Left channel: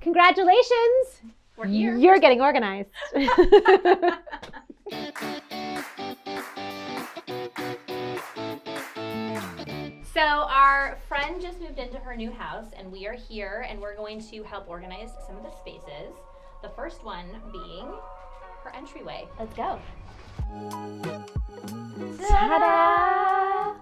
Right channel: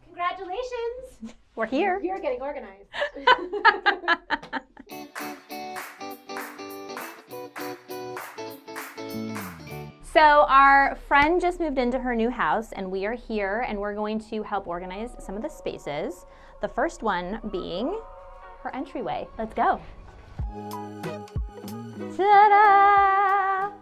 Congratulations! We're here. You're getting organized. So our friend just moved into her new house and we are here and we're going to help organize some of the spaces. The first one being her entryway. Let's go. Ta-da!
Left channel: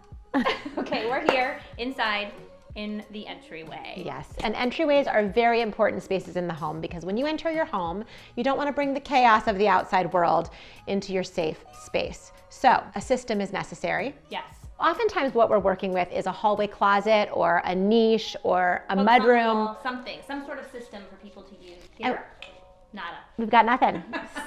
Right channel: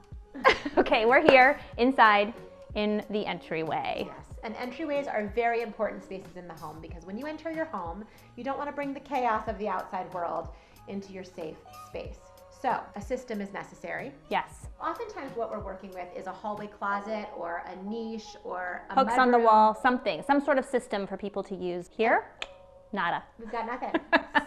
Okay, we're here inside in the entryway. Yes, and entryways are very important spaces in the home because when you enter your home, you don't want to bring the chaos of the outside world into your safe space. So a system is necessary. Yes. Oftentimes what we're working with is a hallway closet or a niche or a Hooks on the mudroom. wall, something, some sort of system for people to use. Here, nada. We've got nothing.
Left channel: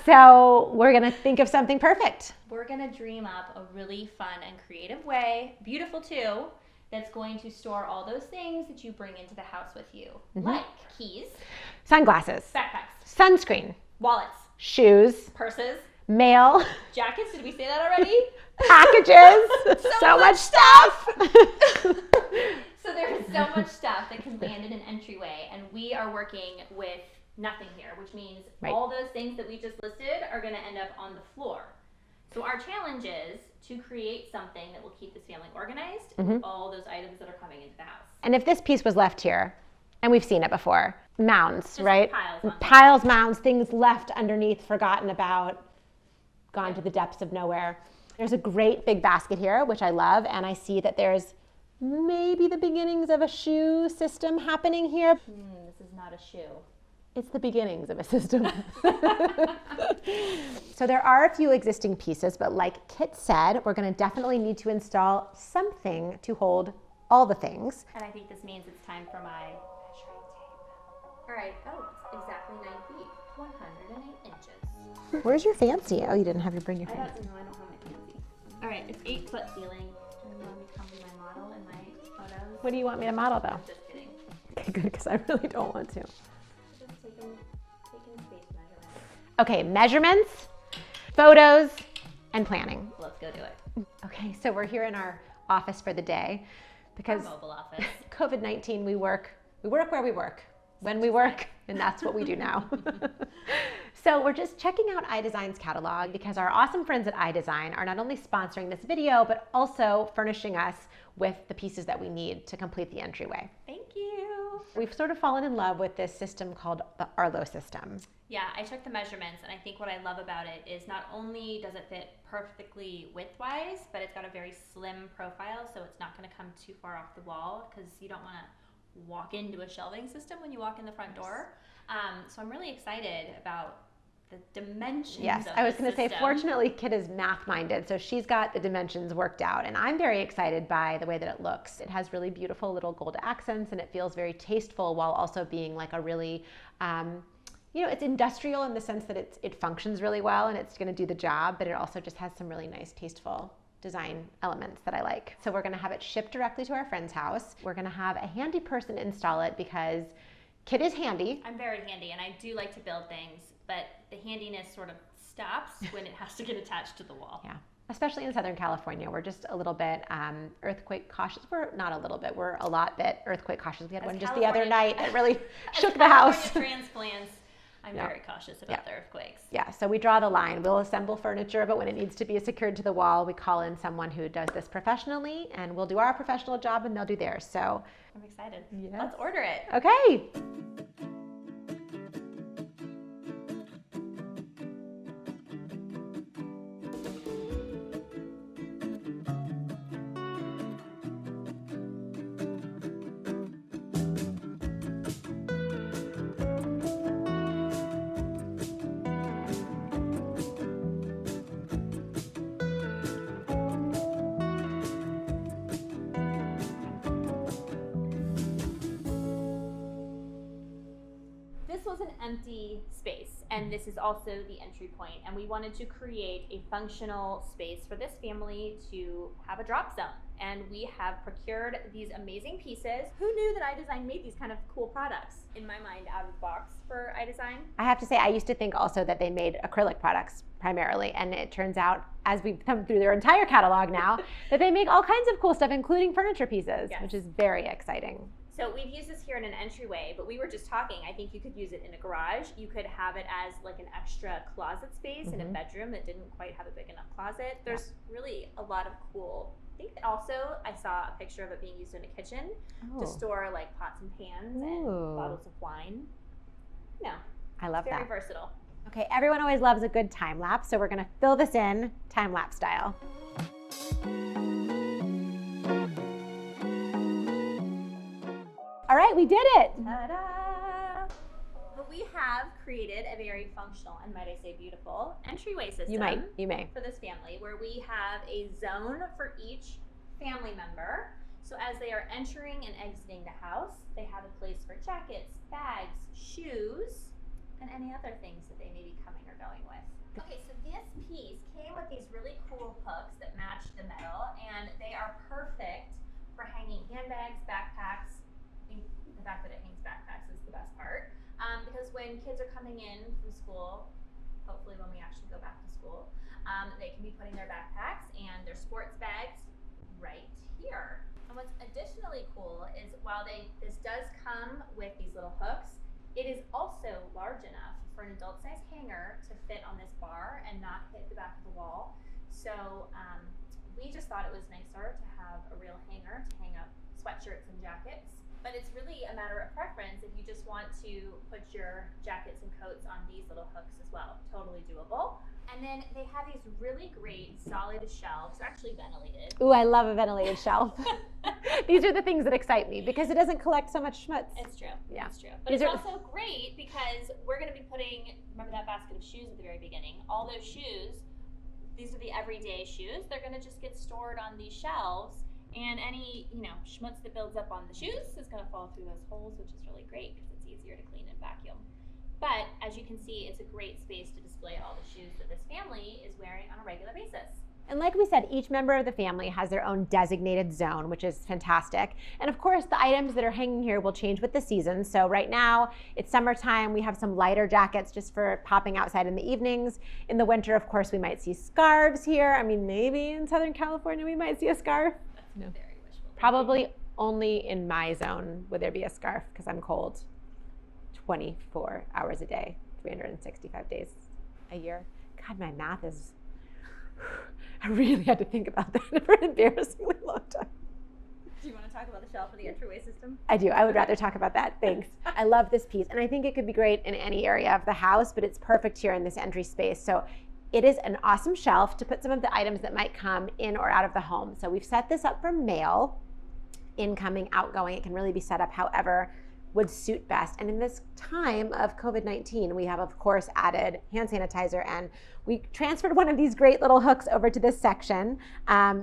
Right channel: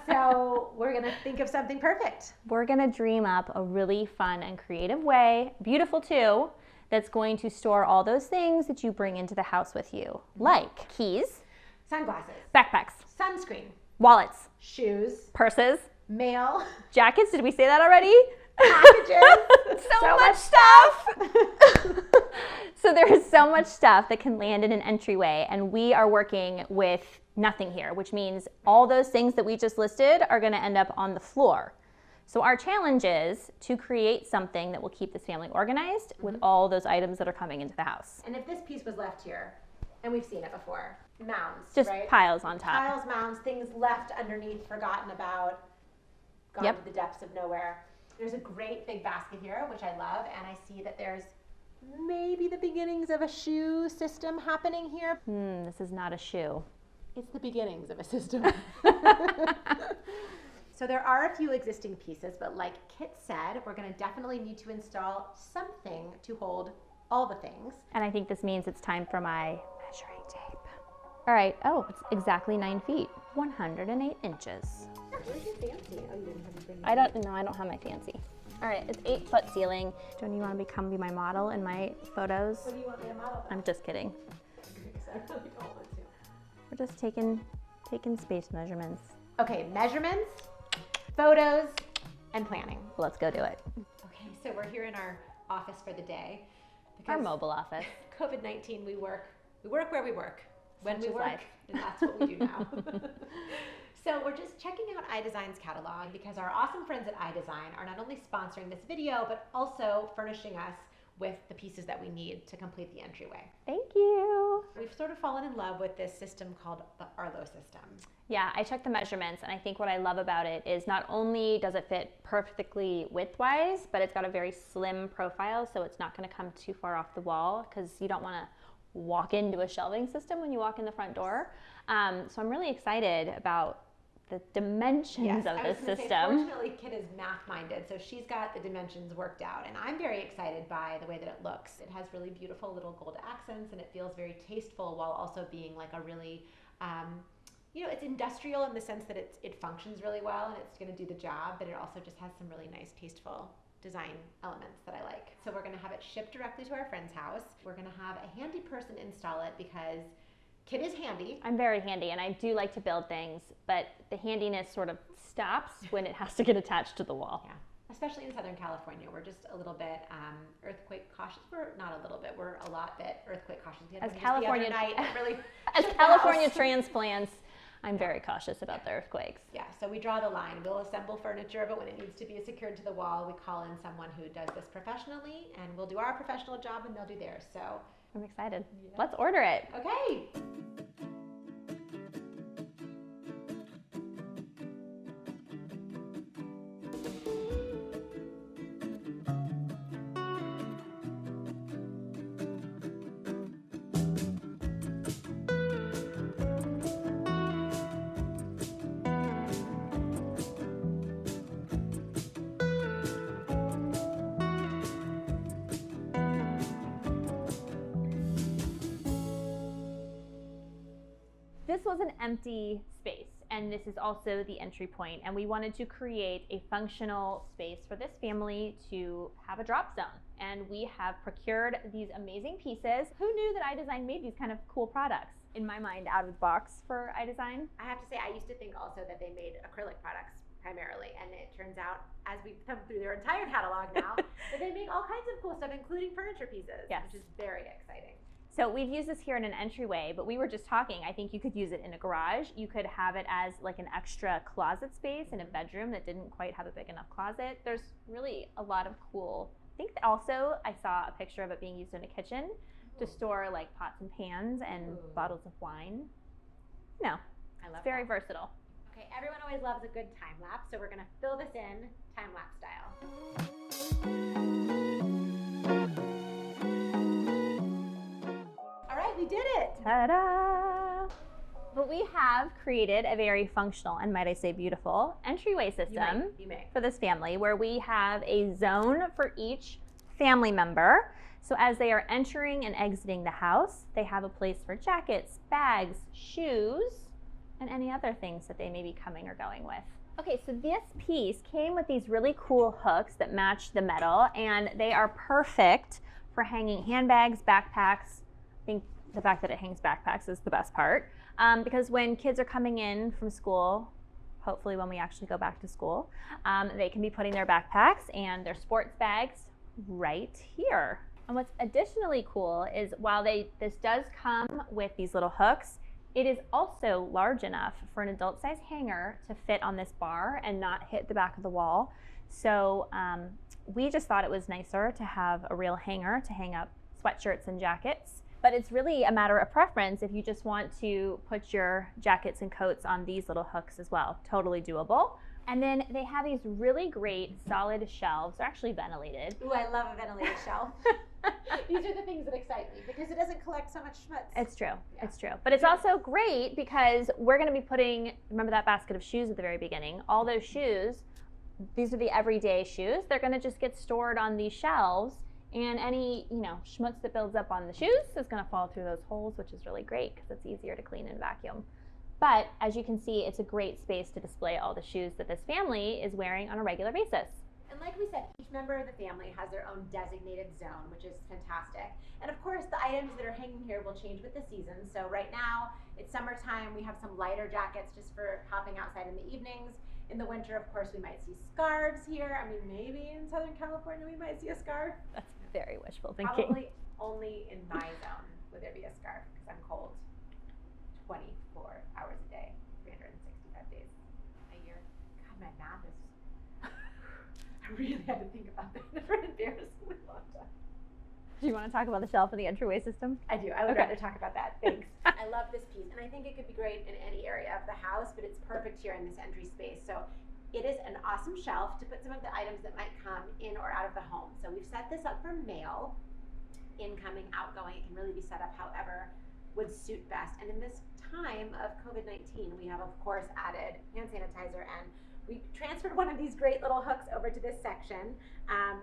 So we're gonna think of something perfect. We're gonna dream up a really fun and creative way, beautiful too, that's going to store all those things that you bring into the house with you, like keys, Sunglasses, backpacks, sunscreen, wallets, shoes, purses, mail, jackets. Did we say that already? packages, so much stuff. So there is so much stuff that can land in an entryway, and we are working with nothing here, which means all those things that we just listed are going to end up on the floor. So our challenge is to create something that will keep this family organized with all those items that are coming into the house. And if this piece was left here, and we've seen it before, mounds, Just right? piles on top. Piles, mounds, things left underneath, forgotten about, gone to the depths of nowhere. There's a great big basket here, which I love, and I see that there's maybe the beginnings of a shoe system happening here. This is not a shoe. It's the beginnings of a system. So there are a few existing pieces, but like Kit said, we're going to definitely need to install something to hold all the things. And I think this means it's time for my measuring tape. All right. Oh, it's exactly 9 feet, 108 inches. Where's your fancy? Oh, you didn't have to bring your I don't have my fancy. All right, it's 8-foot ceiling. Don't you want to be my model in my photos? What do you want me to model though? I'm just kidding. Okay, good, because I really don't want to. We're just taking space measurements. Okay, measurements, photos, and planning. Let's go do it. Okay, so we're here in our office for the day because Our mobile office. COVID-19, we work where we work, when we work, and that's what we do now. So we're just checking out iDesign's catalog because our awesome friends at iDesign are not only sponsoring this video, but also furnishing us with the pieces that we need to complete the entryway. Thank you. We've sort of fallen in love with this system called the Arlo system. Yeah, I took the measurements, and I think what I love about it is not only does it fit perfectly width-wise, but it's got a very slim profile, so it's not going to come too far off the wall because you don't want to walk into a shelving system when you walk in the front door. So I'm really excited about the dimensions of I was this going to say, system. fortunately, Kit is math-minded, so she's got the dimensions worked out, and I'm very excited by the way that it looks. It has really beautiful little gold accents, and it feels very tasteful while also being like a really, it's industrial in the sense that it functions really well and it's going to do the job, but it also just has some really nice, tasteful design elements that I like. So we're going to have it shipped directly to our friend's house. We're going to have a handy person install it because Kit is handy. I'm very handy, and I do like to build things, but the handiness sort of stops when it has to get attached to the wall. Yeah, especially in Southern California. We're just a little bit earthquake cautious. We're not a little bit, we're a lot bit earthquake cautious. We had one just the other night. It really shook the house. California transplants, I'm very cautious about the earthquakes. Yeah, so we draw the line. We'll assemble furniture, but when it needs to be secured to the wall, we call in someone who does this professionally, and we'll do our professional job and they'll do theirs. So I'm excited. Yes. Let's order it. Okay. This was an empty space, and this is also the entry point, and we wanted to create a functional space for this family to have a drop zone. And we have procured these amazing pieces. Who knew that iDesign made these kind of cool products? In my mind, out of the box for iDesign. I have to say, I used to think also that they made acrylic products primarily, and it turns out, as we've come through their entire catalog now, that they make all kinds of cool stuff, including furniture pieces, which is very exciting. So we've used this here in an entryway, but we were just talking, I think you could use it in a garage. You could have it as like an extra closet space in a bedroom that didn't quite have a big enough closet. There's really a lot of cool, I think also I saw a picture of it being used in a kitchen to store like pots and pans and bottles of wine. No, I love very that. versatile. Okay, everyone always loves a good time lapse, so we're gonna fill this in time lapse style. All right, we did it. Ta-da! But we have created a very functional and, might I say, beautiful entryway system. You may. For this family, where we have a zone for each family member. So as they are entering and exiting the house, they have a place for jackets, bags, shoes, and any other things that they may be coming or going with. Okay, so this piece came with these really cool hooks that match the metal, and they are perfect for hanging handbags, backpacks. I think the fact that it hangs backpacks is the best part, because when kids are coming in from school, hopefully when we actually go back to school, they can be putting their backpacks and their sports bags right here. And what's additionally cool is while this does come with these little hooks, it is also large enough for an adult size hanger to fit on this bar and not hit the back of the wall. So we just thought it was nicer to have a real hanger to hang up sweatshirts and jackets. But it's really a matter of preference if you just want to put your jackets and coats on these little hooks as well. Totally doable. And then they have these really great solid shelves. They're actually ventilated. Ooh, I love a ventilated shelf. These are the things that excite me because it doesn't collect so much schmutz. It's true. Yeah. It's true. But it's also great because we're going to be putting, remember that basket of shoes at the very beginning? All those shoes, these are the everyday shoes. They're going to just get stored on these shelves. And any, schmutz that builds up on the shoes is going to fall through those holes, which is really great because it's easier to clean and vacuum. But as you can see, it's a great space to display all the shoes that this family is wearing on a regular basis. And like we said, each member of the family has their own designated zone, which is fantastic. And of course, the items that are hanging here will change with the season. So right now, it's summertime. We have some lighter jackets just for popping outside in the evenings. In the winter, of course, we might see scarves here. I mean, maybe in Southern California, we might see a scarf. That's very wishful thinking. Probably only in my zone would there be a scarf because I'm cold 24 hours a day, 365 days a year. God, my math is... I really had to think about that for an embarrassingly long time. Do you want to talk about the shelf of the entryway system? I do. I would rather talk about that. Thanks. I love this piece, and I think it could be great in any area of the house, but it's perfect here in this entry space. So it is an awesome shelf to put some of the items that might come in or out of the home. So we've set this up for mail, incoming, outgoing. It can really be set up however would suit best. And in this time of COVID-19, we have, of course, added hand sanitizer, and we transferred one of these great little hooks over to this section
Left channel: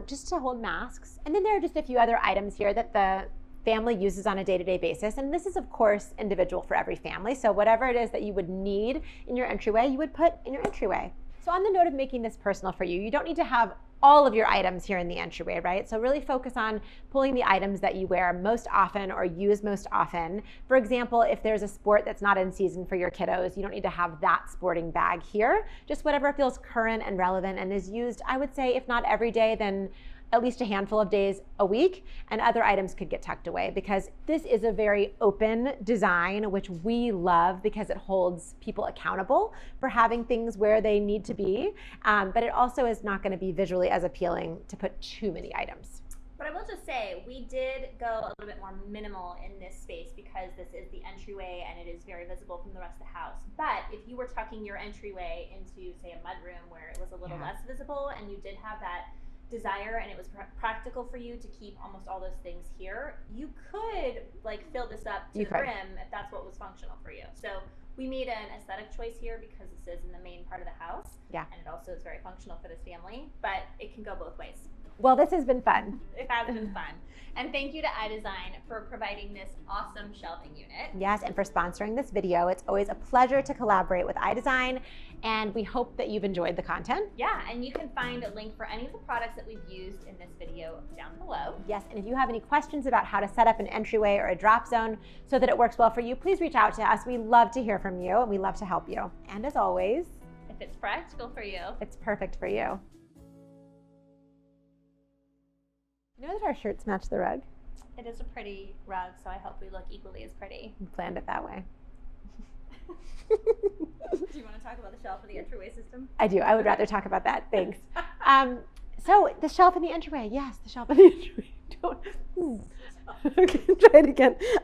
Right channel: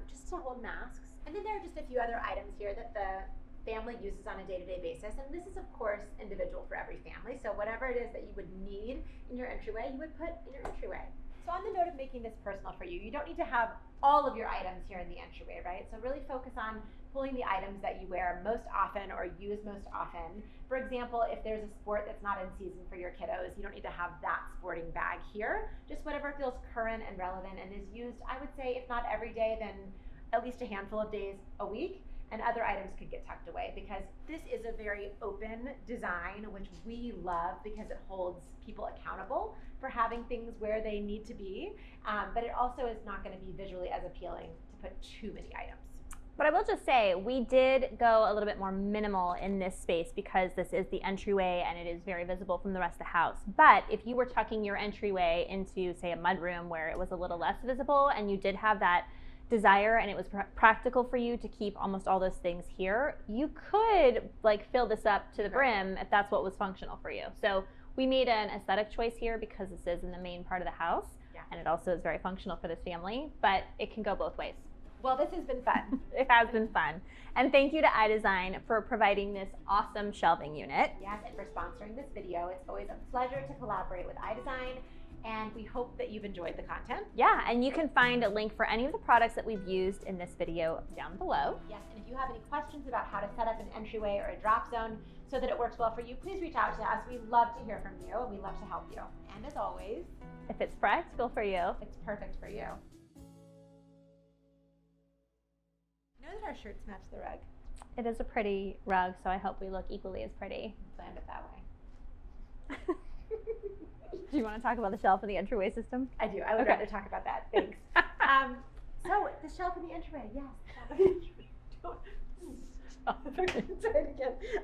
just to hold masks. And then there are just a few other items here that the family uses on a day-to-day basis. And this is, of course, individual for every family. So whatever it is that you would need in your entryway, you would put in your entryway. So on the note of making this personal for you, you don't need to have all of your items here in the entryway, right? So really focus on pulling the items that you wear most often or use most often. For example, if there's a sport that's not in season for your kiddos, you don't need to have that sporting bag here. Just whatever feels current and relevant and is used, I would say, if not every day, then at least a handful of days a week, and other items could get tucked away because this is a very open design, which we love because it holds people accountable for having things where they need to be, but it also is not going to be visually as appealing to put too many items. But I will just say, we did go a little bit more minimal in this space because this is the entryway and it is very visible from the rest of the house. But if you were tucking your entryway into, say, a mudroom where it was a little less visible and you did have that desire and it was practical for you to keep almost all those things here, you could fill this up to the brim if that's what was functional for you. So we made an aesthetic choice here because this is in the main part of the house. Yeah. And it also is very functional for this family, but it can go both ways. Well, this has been fun. It has been fun. And thank you to iDesign for providing this awesome shelving unit. Yes, and for sponsoring this video. It's always a pleasure to collaborate with iDesign, and we hope that you've enjoyed the content. Yeah, and you can find a link for any of the products that we've used in this video down below. Yes, and if you have any questions about how to set up an entryway or a drop zone so that it works well for you, please reach out to us. We love to hear from you, and we love to help you. And as always, if it's practical for you, it's perfect for you. You know that our shirts match the rug? It is a pretty rug, so I hope we look equally as pretty. Planned it that way. Do you want to talk about the shelf and the entryway system? I do. I would rather talk about that. Thanks. So the shelf and the entryway. Yes, the shelf and the entryway. Okay, try it again.